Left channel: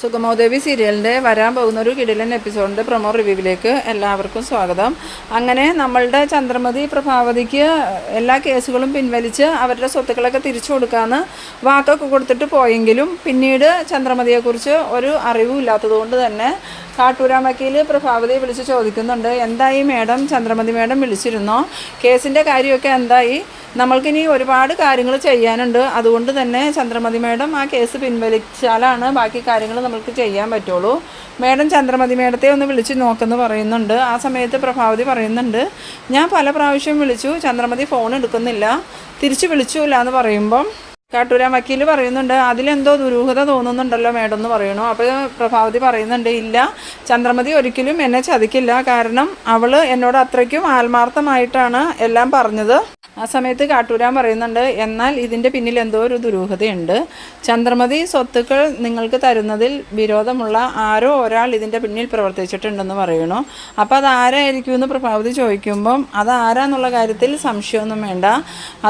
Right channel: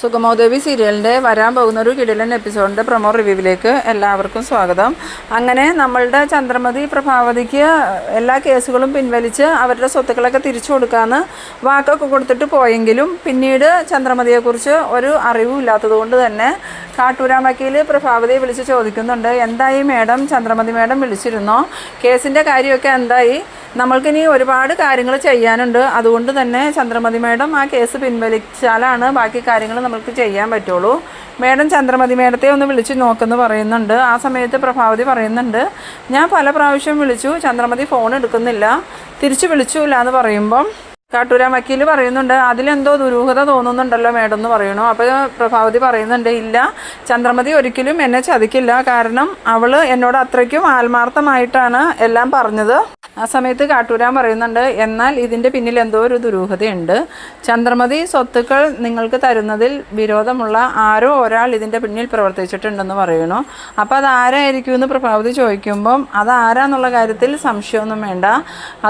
സുഗമോദേവി സീരിയലിന്റെ വരാൻ പോകുന്ന ഒരു കിടിലൻ എപ്പിസോഡിന്റെ പ്രൊമോ റിവ്യൂവിലേക്ക് എല്ലാവർക്കും സ്വാഗതം. അങ്ങനെ നമ്മളുടെ ചന്ദ്രമതി പ്രഭാവതിക്ക് എല്ലാ കേസുകളും പിൻവലിച്ച് അവരുടെ സ്വത്തുക്കളൊക്കെ തിരിച്ചു കൊടുക്കാമെന്ന് വാക്കൊക്കെ കൊടുത്തിട്ട് പോയെങ്കിലും പിന്നീട് ചന്ദ്രമതിയെക്കുറിച്ച് ഒരു അറിവും ഇല്ലാത്തതുകൊണ്ട് തന്നെ കാട്ടൂരാ വക്കീൽ പ്രഭാവതിയെ വിളിച്ച് ചോദിക്കുന്നുണ്ട്. എന്തായി മേഡം? ചന്ദ്രമതി മേഡം വിളിച്ചിരുന്നോ. കേസിന്റെ കാര്യമൊക്കെ എന്തായി? നമ്മൾക്കിനി ഒരുപാട് കാര്യങ്ങൾ ചെയ്യാനുണ്ട്. അതുകൊണ്ട് തന്നെ ചന്ദ്രമതി മേഡം ആ കേസ് പിൻവലിച്ചാലാണ് ബാക്കി കാര്യങ്ങൾ നമ്മൾക്ക് ചെയ്യാൻ പറ്റുള്ളൂ. മേഡം ചന്ദ്രമതി മേഡത്തെ ഒന്ന് വിളിച്ച് നോക്കെന്ന് പറയുന്നുണ്ട്. ആ സമയത്ത് പ്രഭാവതി പറയുന്നുണ്ട് ഞാൻ പല പ്രാവശ്യം വിളിച്ചു. ചന്ദ്രമതി ഫോൺ എടുക്കുന്നില്ല. തിരിച്ചു വിളിച്ചില്ല എന്ന് പറയുമ്പം കാട്ടൂരാൻ വക്കീൽ പറയുന്നുണ്ട് അതിലെന്തോ ദുരൂഹത തോന്നുന്നുണ്ടല്ലോ മേഡം എന്ന് പറയണു അപ്പോൾ പ്രഭാവതി പറയുന്നുണ്ട് ഇല്ല ചന്ദ്രമതി ഒരിക്കലും എന്നെ ചതിക്കില്ല. കാരണം അവൾ എന്നോട് അത്രയ്ക്കും ആത്മാർത്ഥമായിട്ടാണ് എല്ലാം പറഞ്ഞത്. ആ സമയത്ത് കാട്ടൂരാൻ പറയുന്നുണ്ട് എന്നാൽ ഇതിന്റെ പിന്നിൽ എന്തോ ഒരു ദുരൂഹതയുണ്ട്. ചന്ദ്രമതി സ്വത്തുക്കൾ നിങ്ങൾക്ക് തരുന്നതിൽ വിരോധമുള്ള ആരോ ഒരാൾ ഇതിന്റെ പിന്നിൽ പ്രവർത്തിച്ചിട്ടുണ്ടെന്ന് പറയണു അപ്പോൾ അത് ആരായിരിക്കും എന്ന് പ്രഭാവതി ചോദിക്കുമ്പം അത് ആരാന്നുള്ള കാര്യത്തിൽ സംശയമൊന്നും വേണ്ട.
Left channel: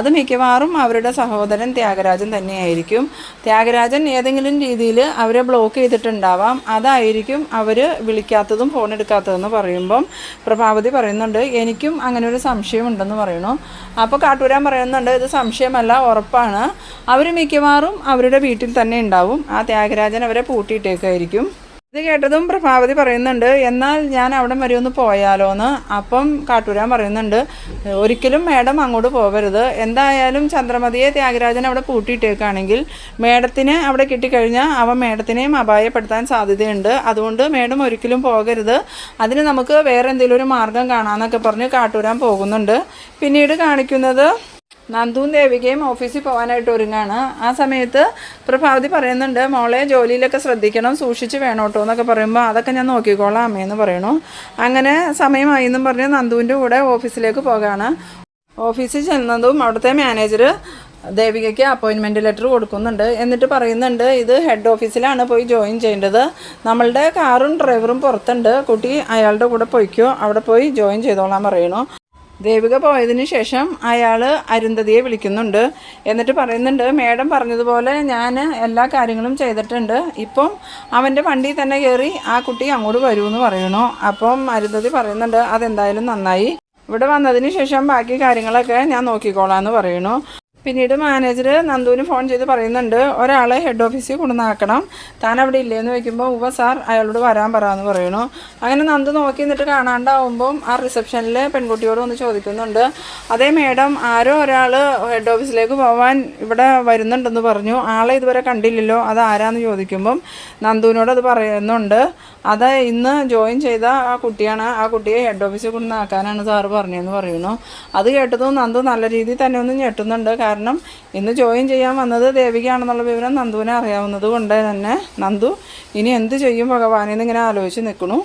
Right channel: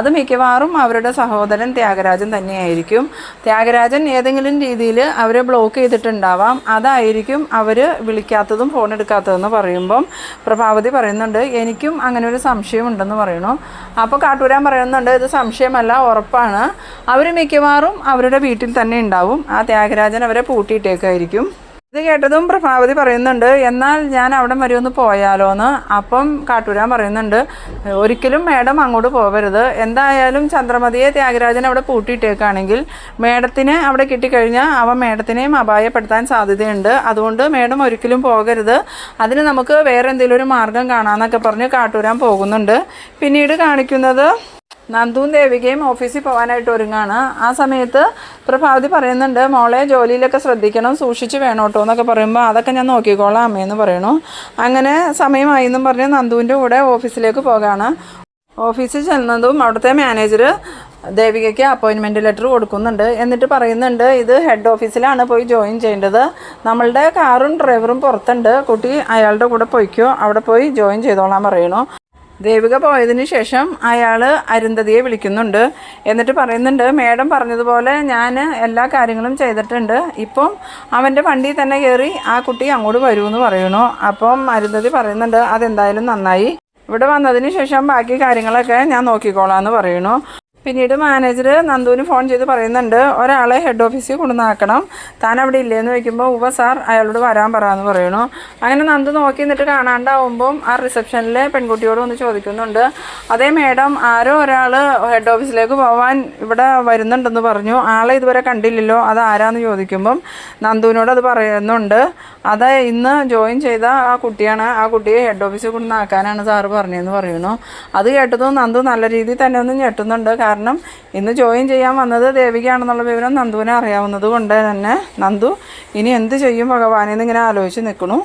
അത് മിക്കവാറും അവരുടെ സഹോദരൻ ത്യാഗരാജൻ തന്നെയായിരിക്കും. ത്യാഗരാജൻ ഏതെങ്കിലും രീതിയിൽ അവരെ ബ്ലോക്ക് ചെയ്തിട്ടുണ്ടാവാം. അതായിരിക്കും അവർ വിളിക്കാത്തതും ഫോൺ എടുക്കാത്തതെന്ന് പറയുമ്പം പ്രഭാവതി പറയുന്നുണ്ട് എനിക്കും അങ്ങനെ ഒരു സംശയമുണ്ടെന്ന് പറയണു. അപ്പോൾ കാട്ടൂരാൻ പറയുന്നുണ്ട് ഇത് സംശയമല്ല ഉറപ്പാണ്. അവർ മിക്കവാറും അവരുടെ വീട്ടിൽ തന്നെ ഉണ്ടാവും. ആ ത്യാഗരാജൻ അവരെ പൂട്ടിയിട്ടേക്കായിരിക്കും. ഇത് കേട്ടതും പ്രഭാവതി പറയുന്നുണ്ട് എന്നാൽ ഞാൻ അവിടം വരെ ഒന്ന് പോയാലോ എന്ന് അപ്പം കാട്ടൂരാൻ പറയുന്നുണ്ട് ഒരിക്കലും മേഡം അങ്ങോട്ട് പോകരുത് എന്തായാലും ചന്ദ്രമതിയെ ത്യാഗരാജൻ അവിടെ പൂട്ടിയിട്ടേക്കാണെങ്കിൽ മേഡത്തിനെ അവിടെ കിട്ടിക്കഴിഞ്ഞാൽ അവൻ മേഡത്തിനെയും അപായപ്പെടുത്താൻ സാധ്യതയുണ്ട്. അതുകൊണ്ട് മേഡം ഒരിക്കലും പോകരുത്. അതിന് നമുക്ക് വേറെ എന്തെങ്കിലും ഒരു മാർഗം കാണാമെന്നൊക്കെ പറഞ്ഞ് കാട്ടൂരാൻ പോകുന്നുണ്ട്. പിന്നീട് കാണിക്കുന്നത് നന്ദുവും ദേവികയും ഓഫീസിൽ പോകാനായിട്ട് ഒരുങ്ങാണ്. ആ സമയത്ത് പ്രഭാവതി പറയുന്നുണ്ട് മോളെ ജോലിയിലൊക്കെ ശ്രദ്ധിക്കണം സൂക്ഷിച്ച് വേണം കേട്ടോ എന്നൊക്കെ പറയുമ്പോൾ അതൊക്കെ ഞാൻ നോക്കിക്കോളാം അമ്മയെന്ന് പറയണു. അങ്ങനെ സമയമായി എന്നും പറഞ്ഞ് നന്ദുവിന്റെ കൂടെ ഓഫീസിലേക്ക് പോകാണ്. ഓഫീസിൽ ചെന്നതും അവിടുത്തെ മാനേജർ ദേവികയ്ക്ക് അപ്പോയിൻമെന്റ് ലെറ്റർ കൊടുക്കുന്നുണ്ട്. എന്നിട്ട് പറയുന്നുണ്ട് ഇത് ഹെഡ് ഓഫീസിലാണ് പോയി ജോയിൻ ചെയ്യേണ്ടത്. നമ്മളുടെ കാറും ഡ്രൈവറും പുറത്തുണ്ട്. കുട്ടി അയാളുടെ കൂടെ പോയിക്കോ. അവിടെ പോയി ജോയിൻ ചെയ്തോളാൻ പറയണു ദേവിക പോയതിന് ശേഷം അയാൾ അരുന്ധതിയെ വിളിക്കുന്നുണ്ട്. എന്നിട്ട് പറയുന്നുണ്ട് മേഡം പറഞ്ഞതുപോലെ ഞാൻ എല്ലാ കാര്യങ്ങളും ചെയ്തിട്ടുണ്ട്. ഇപ്പം അവന്റെ വണ്ടി തന്നെ കയറി ആ കുട്ടി അങ്ങോട്ട് വരുമെന്ന് പറയണു അപ്പം അരുന്ധതി പറയുന്നുണ്ട് അതെന്തായാലും നന്നായി. ഇവിടെ വന്നതിന് ശേഷം ബാക്കി കാര്യങ്ങളൊക്കെ ഞാൻ നോക്കിക്കോളാം എന്ന് പറയണു പിന്നീട് മാനേജർ നന്ദുവിന് ഫോൺ ചെയ്ത് പറയുന്നുണ്ട് ഒരാളെ ഹെഡ് ഓഫീസിൽ കൊണ്ടുവന്നാക്കണം. താൻ അവിടെ ഇല്ലെന്ന് ചോദിക്കുമ്പോൾ ഉവ സാർ അയാളോട് വരാൻ പറയാമെന്ന് പറയണു അങ്ങനെ നന്ദു നോക്കി നിന്നിട്ട് കാണാണ്ടാവുമ്പം ആ റിസപ്ഷനിലെ പെൺകുട്ടിയോട് ഒന്ന് ചോദിക്കുന്നുണ്ട് അതേ മേഡം ആരോ ഒരാൾ ഹെഡ് ഓഫീസിലേക്ക് പോകാൻ ഇവിടെ വരുന്നുണ്ടെന്ന് പറഞ്ഞു. ആളെ ഇതുവരെ കണ്ടില്ലല്ലോ അത് ആരാന്ന് ചോദിക്കുമ്പം നന്ദുവിനോട് അത് പറയുന്നുണ്ട്. അത് ഇന്ന് ജോയിൻ ചെയ്ത ആ കുട്ടിയാണ് ആ കുട്ടിയെ ഹെഡ് ഓഫീസിൽ കൊണ്ടുവന്നാക്കാനാണ് സാറ് പറഞ്ഞതെന്ന് പറയുന്നു. അത് കേട്ടതും നന്ദു നല്ല രീതിയിൽ തന്നെ ഒന്ന് ഞെട്ടുന്നുണ്ട് കാരണം ഇന്ന് ജോയിൻ ചെയ്യാൻ വന്നത് ദേവികയാണെന്നുള്ള വിവരം നന്ദുവിനെ അറിയാവുന്നത് കൊണ്ട് തന്നെ. നന്ദു ഇനി എന്ത് ചെയ്യും ഭഗവാനെന്ന് ഇങ്ങനെ ആലോചിച്ച് നിൽക്കണു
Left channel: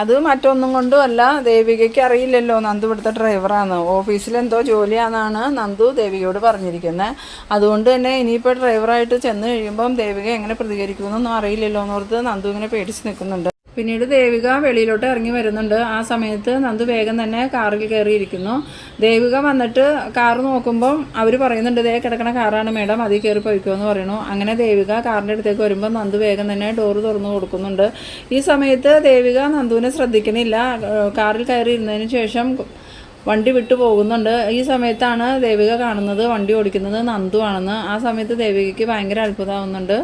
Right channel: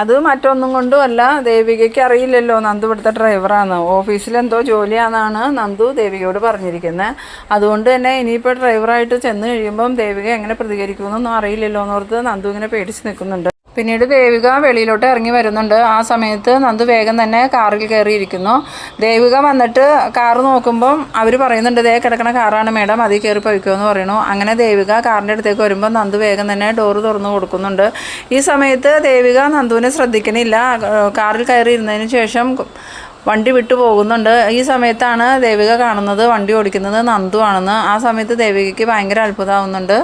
അത് മറ്റൊന്നും കൊണ്ടും അല്ല ദേവികയ്ക്ക് അറിയില്ലല്ലോ. നന്ദു ഇവിടുത്തെ ഡ്രൈവറാണ് ഓഫീസിലെന്തോ ജോലിയാണെന്നാണ് നന്ദു ദേവികയോട് പറഞ്ഞിരിക്കുന്നത് അതുകൊണ്ട് തന്നെ ഇനിയിപ്പോൾ ഡ്രൈവറായിട്ട് ചെന്ന് കഴിയുമ്പം ദേവിക എങ്ങനെ പ്രതികരിക്കുമെന്നൊന്നും അറിയില്ലല്ലോ എന്നോർത്ത് നന്ദു ഇങ്ങനെ പേടിച്ച് നിൽക്കുന്നുണ്ട്. പിന്നീട് ദേവിക വെളിയിലോട്ട് ഇറങ്ങി വരുന്നുണ്ട്. ആ സമയത്ത് നന്ദു വേഗം തന്നെ കാറിൽ കയറിയിരിക്കുന്നു. ദേവിക വന്നിട്ട് കാറ് നോക്കുമ്പം അവർ പറയുന്നുണ്ട് ദേ കിടക്കണ കാറാണ് മേഡം അതിൽ കയറി പോയിക്കുമെന്ന് പറയണു. അങ്ങനെ ദേവിക കാറിന്റെ അടുത്തേക്ക് വരുമ്പോൾ നന്ദു വേഗം തന്നെ ഡോറ് തുറന്നു കൊടുക്കുന്നുണ്ട്. ഈ സമയത്ത് ദേവിക നന്ദുവിനെ ശ്രദ്ധിക്കണില്ല. കാറിൽ കയറി ഇരുന്നതിന് ശേഷം വണ്ടി വിട്ടു പോകുന്നുണ്ട്. ഈ സമയത്താണ് ദേവിക കാണുന്നത് വണ്ടി ഓടിക്കുന്നത് നന്ദു ആണെന്ന്. ആ സമയത്ത് ദേവികയ്ക്ക് ഭയങ്കര അത്ഭുതമാവുന്നുണ്ട്.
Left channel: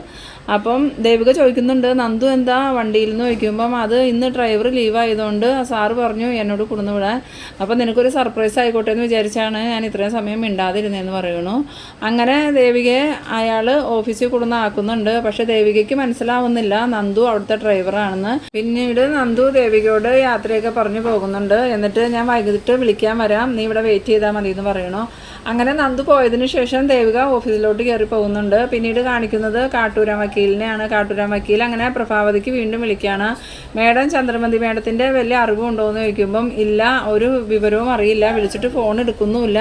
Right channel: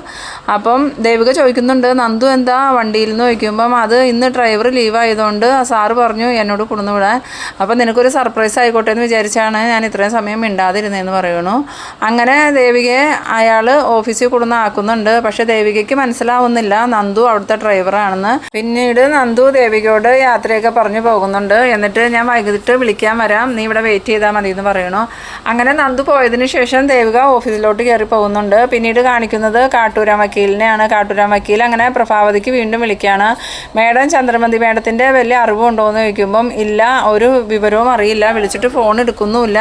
അപ്പം ദേവിക ചോദിക്കുന്നുണ്ട് നന്ദു എന്താ വണ്ടിയിൽ നിന്ന് ചോദിക്കുമ്പം അത് ഇന്ന് ഡ്രൈവർ ലീവ് ആയതുകൊണ്ട് സാറ് പറഞ്ഞു എന്നോട് കൊടുന്നു വിടാൻ. അപ്പം നിനക്കൊരു സർപ്രൈസ് ആയിക്കോട്ടെ എന്ന് വിചാരിച്ചാണ് ഞാൻ ഇത്രയും സമയം മിണ്ടാതിരുന്നതെന്ന് പറയണു അങ്ങനെ ദേവികയെ അയാൾ ഓഫീസിൽ കൊണ്ടുവന്ന് ആക്കുന്നുണ്ട്. പക്ഷേ ദേവികയ്ക്ക് മനസ്സിലാവുന്നില്ല നന്ദു അവിടുത്തെ ഡ്രൈവറാണെന്ന് പിന്നീട് നന്ദു ദേവികയോട് യാത്രയൊക്കെ പറഞ്ഞു പോകുന്നുണ്ട്. എന്നിട്ട് ഞാൻ വൈകിട്ട് വിളിക്കാൻ വരാം. നീ ഇവിടെ വെയിറ്റ് ചെയ്താൽ മതി എന്ന് പറയണു. അങ്ങനെ നന്ദു പോയതിന് ശേഷം ദേവിക ഓഫീസിലോട്ട് കയറി പോകുന്നുണ്ട്. പിന്നീട് കാണിക്കുന്നത് കാട്ടൂരാം വക്കീലിനെയാണ്. കാട്ടൂരാം വക്കീൽ അങ്ങനെ പ്രഭാവതിക്ക് വീണ്ടും വിളിക്കുകയാണ് മേഡം ചന്ദ്രമതി മേഡത്തിന്റെ വലിയ അറിവുണ്ടോ? എന്ന് ചോദിക്കുമ്പം ഇല്ല ഒരു വിവരവും അറിയില്ല. വിളിച്ചിട്ട് ഫോൺ എടുക്കുന്നുമില്ല.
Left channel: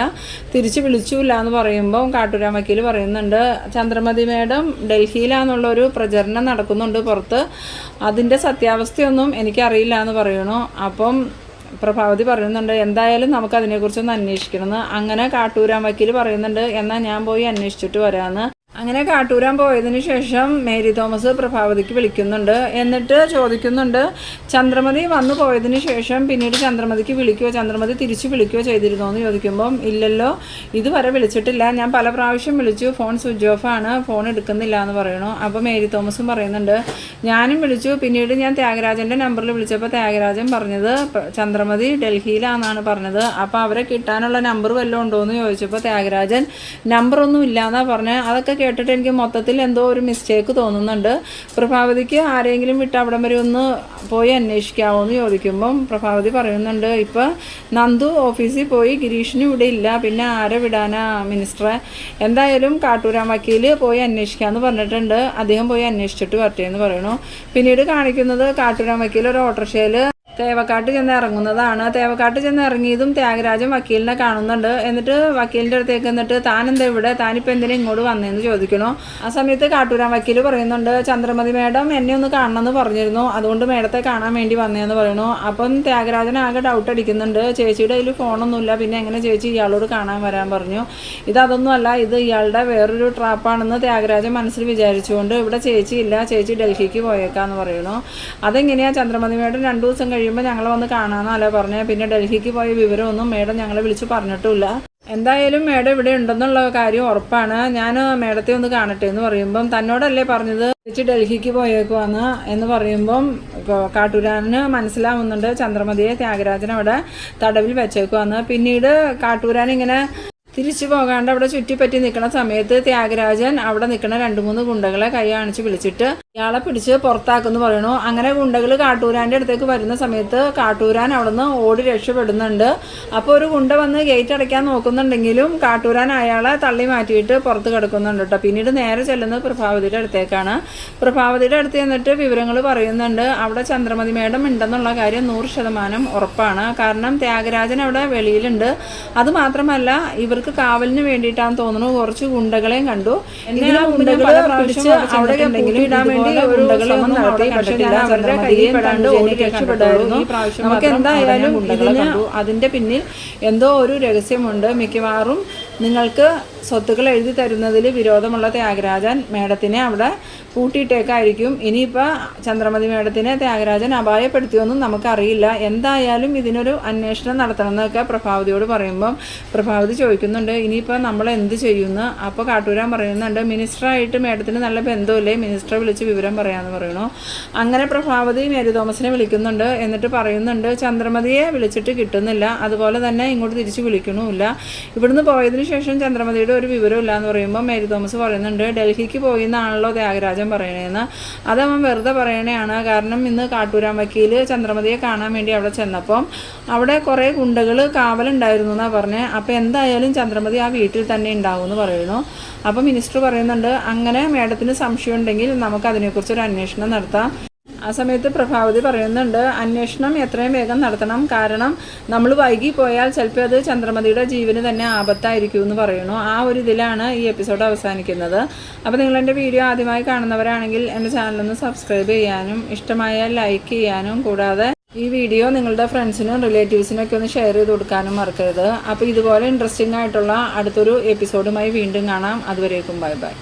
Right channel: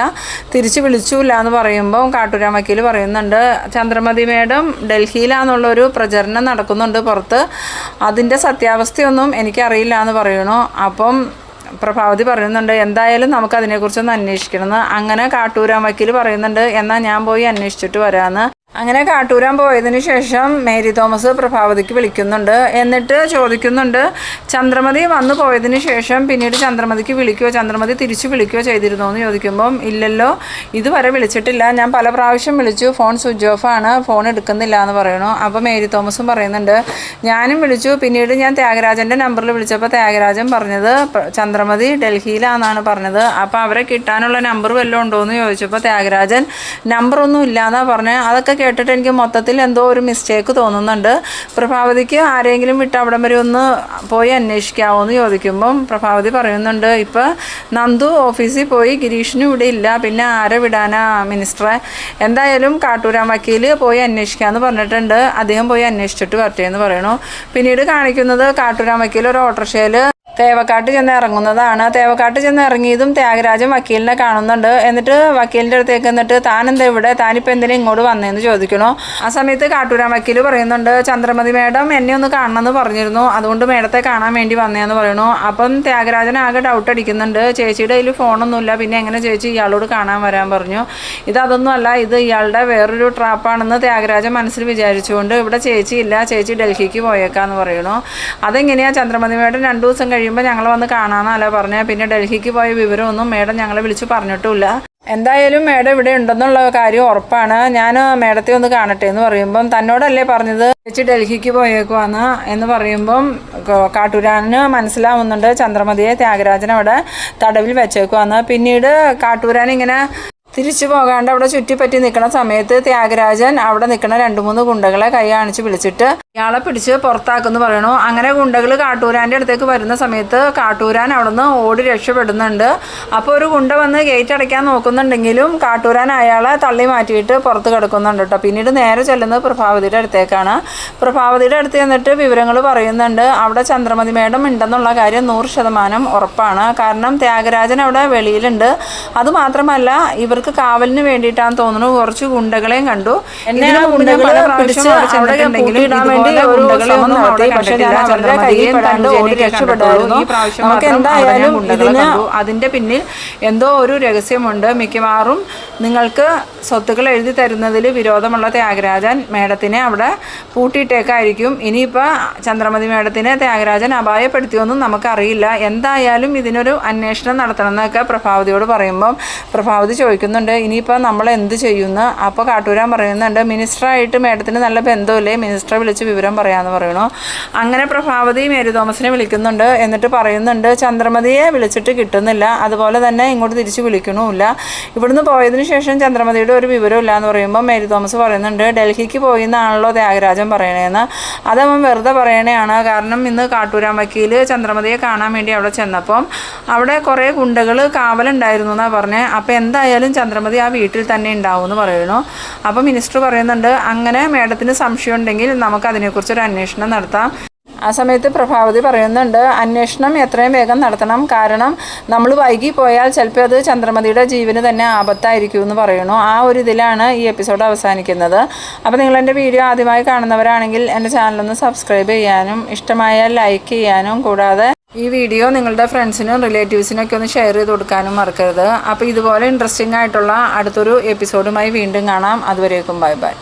തിരിച്ച് വിളിച്ചുമില്ല എന്ന് പറയുമ്പം കാട്ടൂരാം വക്കീൽ പറയുന്നുണ്ട്. ചന്ദ്രമതി മേഡം ഡൽഹിയിലാണെന്നുള്ളൊരു പ്രചരണം നടക്കുന്നുണ്ട് പുറത്ത്. അതിന്റെ സത്യാവസ്ഥയൊന്നും എനിക്കറിയില്ല എന്ന് പറയണു അപ്പം പ്രഭാവതി പറയുന്നുണ്ട് എന്തായാലും നമുക്ക് അതിനെക്കുറിച്ചൊന്ന് അന്വേഷിക്കണം അങ്ങനെ കാട്ടൂരാൻ വക്കീൽ പറയുന്നുണ്ട് എന്നാൽ ഞാൻ പോയി അന്വേഷിച്ചിട്ട് വരാമെന്ന് അങ്ങനെ കാട്ടൂരാൻ പോയതിന് ശേഷം മേരി തോമസ് പ്രഭാവതിക്ക് വിളിക്കുന്നുണ്ട്. എന്നിട്ട് ചോദിക്കുന്നുണ്ട് ചന്ദ്രമതി വന്നു പോയതിന് ശേഷം പിന്നീട് ചന്ദ്രമതിക്ക് വിളിക്കുകയോ ചന്ദ്രമതി തിരിച്ചു വിളിക്കുകയോ ചെയ്തിരുന്നോ എന്ന് ചോദിക്കുമ്പം ഇല്ലല്ലോ ഇതുവരെ വിളിച്ചിട്ടില്ല. ഞാൻ പല പ്രാവശ്യം വിളിച്ചു. ഫോൺ സ്വിച്ച് ഓഫ് ആണ്. ഫോൺ എടുക്കുന്നില്ല എന്ന് പറയണു അപ്പോൾ മേരി തോമസും പറയുന്നുണ്ട് ഞാനും വിളിച്ചു. പിന്നീട് ഞാൻ ത്യാഗരാജന്റെ നമ്പറിൽ വിളിച്ചപ്പോൾ ത്യാഗരാജൻ പറഞ്ഞത് ചന്ദ്രമതി ഡൽഹിയിലാണെന്നാണ് പറഞ്ഞത്. അപ്പോൾ അവരെ കിട്ടാനുള്ള നമ്പർ വല്ലതും ഉണ്ടോ എന്ന് ചോദിച്ചപ്പോൾ ത്യാഗരാജൻ നമ്പറൊന്നും ഇല്ലാന്നാണ് പറഞ്ഞത് അതൊക്കെ കേട്ടിട്ട് എനിക്ക് മൊത്തത്തിൽ എന്തോ ഒരു മിസ്റ്റേക്ക് തോന്നുന്നുണ്ട്. പ്രഭാവതിക്ക് ആരെങ്കിലും വിട്ട് അവിടം വരെ ഒന്ന് പോയി അന്വേഷിക്കാവോ എന്ന് ചോദിക്കുമ്പം പ്രഭാവതി പറയുന്നുണ്ട് ഇപ്പോൾ നന്ദു ഓഫീസിൽ പോയി ഗിരീഷിനും ഇവിടെ ഇല്ല പിന്നെ ആരെ വിടാനാ മിനിസ്റ്ററെ? എന്തായാലും കാട്ടൂരാൻ വക്കീൽ പോയി അന്വേഷിക്കാമെന്ന് പറഞ്ഞിട്ടുണ്ട് അദ്ദേഹം പോയി അന്വേഷിച്ചിട്ട് വരട്ടെ എന്ന് പറയണു. പിന്നീട് കാണിക്കുന്നത് കാട്ടൂരാൻ വക്കീൽ ഒരു ഓട്ടോറിക്ഷയിൽ തേവക്കാട്ട് ചെന്ന് ഇറങ്ങുന്നതാണ്. തേവക്കാട്ട് ചെന്ന് ഇറങ്ങിയതും ത്യാഗരാജൻ വക്കീലിനെ കാണുന്നുണ്ട്. എന്നിട്ട് വക്കീലിന്റെ അടുത്തേക്ക് എന്നിട്ട് താൻ എന്താ ഇവിടെ? താനിപ്പോൾ എന്തിനാ ഇങ്ങോട്ട് വന്നതെന്ന് ചോദിക്കണോ. ആ സമയത്ത് കാട്ടൂരാൻ വക്കീൽ പറയുന്നുണ്ട് ചന്ദ്രമതി മേഡം എന്നെ ഒന്ന് കാണണമെന്ന് പറഞ്ഞിരുന്നു. അതുകൊണ്ട് മേഡത്തെ കാണാൻ വേണ്ടി വന്നതെന്ന് പറയണു. അപ്പം ത്യാഗരാജൻ ആകെ ഡൗട്ട് അടിക്കുന്നുണ്ട്. ചേച്ചിയുടെ കയ്യിൽ ഫോണൊന്നുമില്ല. പിന്നെ എങ്ങനെ ചേച്ചി ഇയാളോട് കാണാൻ വരാൻ പറഞ്ഞു? ഇതൊന്നുമല്ല ഇത് ഇയാളുടെ വേറൊരു ട്രാപ്പാണെന്ന് ത്യാഗരാജൻ മനസ്സിൽ വിചാരിച്ചുകൊണ്ട് ഇവിടെ ചേച്ചി ഇല്ല. ചേച്ചി ഡൽഹിക്ക് പോയേക്കാന്ന് പറയണു. അതെങ്ങനെയാണ് ചന്ദ്രമതി മേഡം രണ്ടു ദിവസം കഴിയുമ്പോൾ ഞങ്ങൾ വന്ന് കാണാനല്ല പറഞ്ഞത് പിന്നെ ഡൽഹിക്ക് പോയ വിവരമൊന്നും മേഡം ഞങ്ങളെ വിളിച്ച് പറഞ്ഞിട്ടുമില്ല. എന്തായാലും മേഡം ഇവിടെ ഉണ്ടെന്നുള്ള കാര്യം ഉറപ്പാണ്. ഞാൻ മേഡത്തെ ഒന്ന് കാണട്ടെ എന്ന് പറയുമ്പം തന്നോടല്ലേ പറഞ്ഞത്? ചേച്ചി ഡൽഹിക്ക് പോയേക്കുവാന്ന് എന്ന് പറയുമ്പം കാട്ടൂരാനിന് കാട്ടൂരാന് മനസ്സിലാവുന്നുണ്ട് ചന്ദ്രമതിയെ ത്യാഗരാജൻ അവിടെ തടവിൽ വെച്ചേക്കുവാന്ന്. പിന്നീട് കാട്ടൂരാൻ ഇങ്ങനെ തിരിച്ചു പോകാണ്ട് അവിടെ ചുറ്റിപ്പറ്റി നിൽക്കുന്ന സമയത്ത് ത്യാഗരാജൻ അവിടെ നിൽക്കുന്ന രണ്ട് മൂന്ന് ഗുണ്ടകളെ കൈ കാണിച്ച് വിളിച്ചിട്ട് ഇയാളെ പിടിച്ച് പുറത്താക്കുന്നു പറയണു. അങ്ങനെ ഗുണ്ടകൾ കാട്ടൂരാന്റെ അടുത്തേക്ക് വരുന്ന സമയത്ത് കാട്ടൂരാൻ അവിടുന്ന് ഓടി രക്ഷപ്പെടുന്നുണ്ട്. അപ്പോൾ ഒരു ഗുണ്ട വന്ന് ഗേറ്റ് അടയ്ക്കാൻ നോക്കുന്നുണ്ടെങ്കിലും കാട്ടൂരാൻ അയാളെ തള്ളി മാറ്റിയിട്ട് പുറത്ത് കിടക്കുന്നുണ്ട് കേട്ടോ. പിന്നീട് നേരെ ചെല്ലുന്നത് പ്രഭാവതിയുടെ അടുത്തേക്കാണ്. പ്രഭാവതിയുടെ അടുത്ത് ചെന്നിട്ട് വിവരങ്ങൾ പറയുന്നുണ്ട്. അവിടെ ചന്ദ്രമതി മേഡം ഉണ്ടെന്നുള്ള കാര്യം നൂറ് ശതമാനം ഉറപ്പാണ്. കാരണം ത്യാഗരാജൻ അവിടെ വെളിയിലുണ്ട്. അതുമാത്രമല്ല ഇവർക്ക് കാവലിന് വേണ്ടിയിട്ടാണെന്ന് തോന്നുന്നു കുറച്ച് ഗുണ്ടകളെയും കണ്ടു. എന്നെ ആ വേണ്ടി ഒരു ശ്രമം നടത്തി പക്ഷേ ഞാൻ അവരുടെ കയ്യിൽ കണ്ട് ഓടി രക്ഷപ്പെട്ടായിരുന്നു. നമുക്ക് എന്തായാലും ഇതിന് അതിന്റെ പിന്നിൽ എന്തോ ഒരു രഹസ്യമുണ്ട്. മിക്കവാറും നിങ്ങൾക്ക് സ്വത്തുക്കൾ എഴുതി തരുന്നതിൽ വിരോധമുള്ള ത്യാഗരാജൻ മേഡത്തിനെ അവിടെ പൂട്ടിയിട്ടേക്കായിരിക്കും. ഇനിയിപ്പോൾ ചന്ദ്രമതി മേഡത്തിനെ ത്യാഗരാജൻ അപായപ്പെടുത്തിയൊന്നും നമുക്കറിയില്ല. എന്തായാലും ഇതിനൊരു അന്വേഷണം നടത്തണമെന്നൊക്കെ പ്രഭാവതിയോട് പറയുമ്പം പ്രഭാവതി ചോദിക്കുന്നുണ്ട്. ഇനിയിപ്പോൾ നമ്മൾ എന്ത് ചെയ്യുന്നു? അപ്പോൾ കാട്ടൂരാൻ പറയുന്നുണ്ട് മിനിസ്റ്ററായിട്ട് മേഡത്തിന് നല്ല ബന്ധമില്ലേ? മിനിസ്റ്ററെ വിളിച്ച് വിവരം പറയാമെന്ന് പറയണു. അങ്ങനെ പ്രഭാവതി മേരി തോമസിനെ വിളിക്കുന്നുണ്ട്. എന്നിട്ട് പറയുന്നുണ്ട് ചന്ദ്രമതിയെ വിളിച്ചിട്ട് കിട്ടുന്നില്ല. അതുപോലെ തന്നെ ഇങ്ങോട്ട് തിരിച്ച് വിളിക്കണമില്ല. ഇവിടുന്ന് പോയതിനു ശേഷം ചന്ദ്രമതിയുടെ ഒരു വിവരമില്ല എന്ന് പറയുമ്പോൾ മേരി തോമസ് പറയുന്നുണ്ട് ഡൽഹിക്ക് പോയി എന്നാണല്ലോ ത്യാഗരാജൻ പറയണേന്ന്. അതവൻ വെറുതെ പറയണേയാണ്. കാരണം ഇന്ന് കാട്ടൂരാൻ വക്കീൽ ചന്ദ്രമതിയെ കാണാൻ വേണ്ടി അവിടെ ചെന്നപ്പം അവിടെ കുറേ ഗുണ്ടകൾ കാവലുണ്ടായിരുന്നു എന്നാണ് പറഞ്ഞത് അപ്പോൾ എന്തായാലും ചന്ദ്രമതി ആ വീട്ടിൽ തന്നെ ഉണ്ടാവും എന്ന് പറയുന്നു അപ്പോൾ മിനിസ്റ്റർ പറയുന്നുണ്ട് അങ്ങനെ മേഡത്തിന് സംശയം ഉണ്ടെങ്കിൽ നമുക്ക് അതിനെക്കുറിച്ചൊരു അന്വേഷണം നടത്താം. ആ സമയത്ത് പ്രഭാവതി പറയുന്നുണ്ട് അന്വേഷണം എത്രയും വേഗം നടത്തണം. കാരണം നമ്മൾ വൈകി പോയാൽ ചിലപ്പോൾ അത് ചന്ദ്രമതിയുടെ ജീവന് തന്നെ ആപത്തായിരിക്കും എന്ന് പറയണു ആ ഒരു ഇതിലാണ് ഈ എപ്പിസോഡ് അവസാനിക്കുന്നത്. അപ്പോൾ നിങ്ങൾ എന്റെ വീഡിയോ ആദ്യമായി കാണുന്നവരാണെങ്കിൽ എന്റെ ചാനലൊന്ന് സബ്സ്ക്രൈബ് ചെയ്യാനും ഇഷ്ടമായാൽ ലൈക്ക് ചെയ്യാനും കൂടാതെ ഈ വീഡിയോ നിങ്ങളുടെ ഫ്രണ്ട്സിനും റിലേറ്റീവ്സിനൊക്കെ ഒന്ന് ഷെയർ ചെയ്ത് കൊടുക്കാനും മറക്കരുത്. അപ്പോൾ ഇതുപോലെ ഇൻട്രസ്റ്റിംഗ് ആയിട്ടുള്ള അടുത്തൊരു എപ്പിസോഡുമായി വീണ്ടും കാണാം. അതുവരേക്കും ബൈ ബൈ.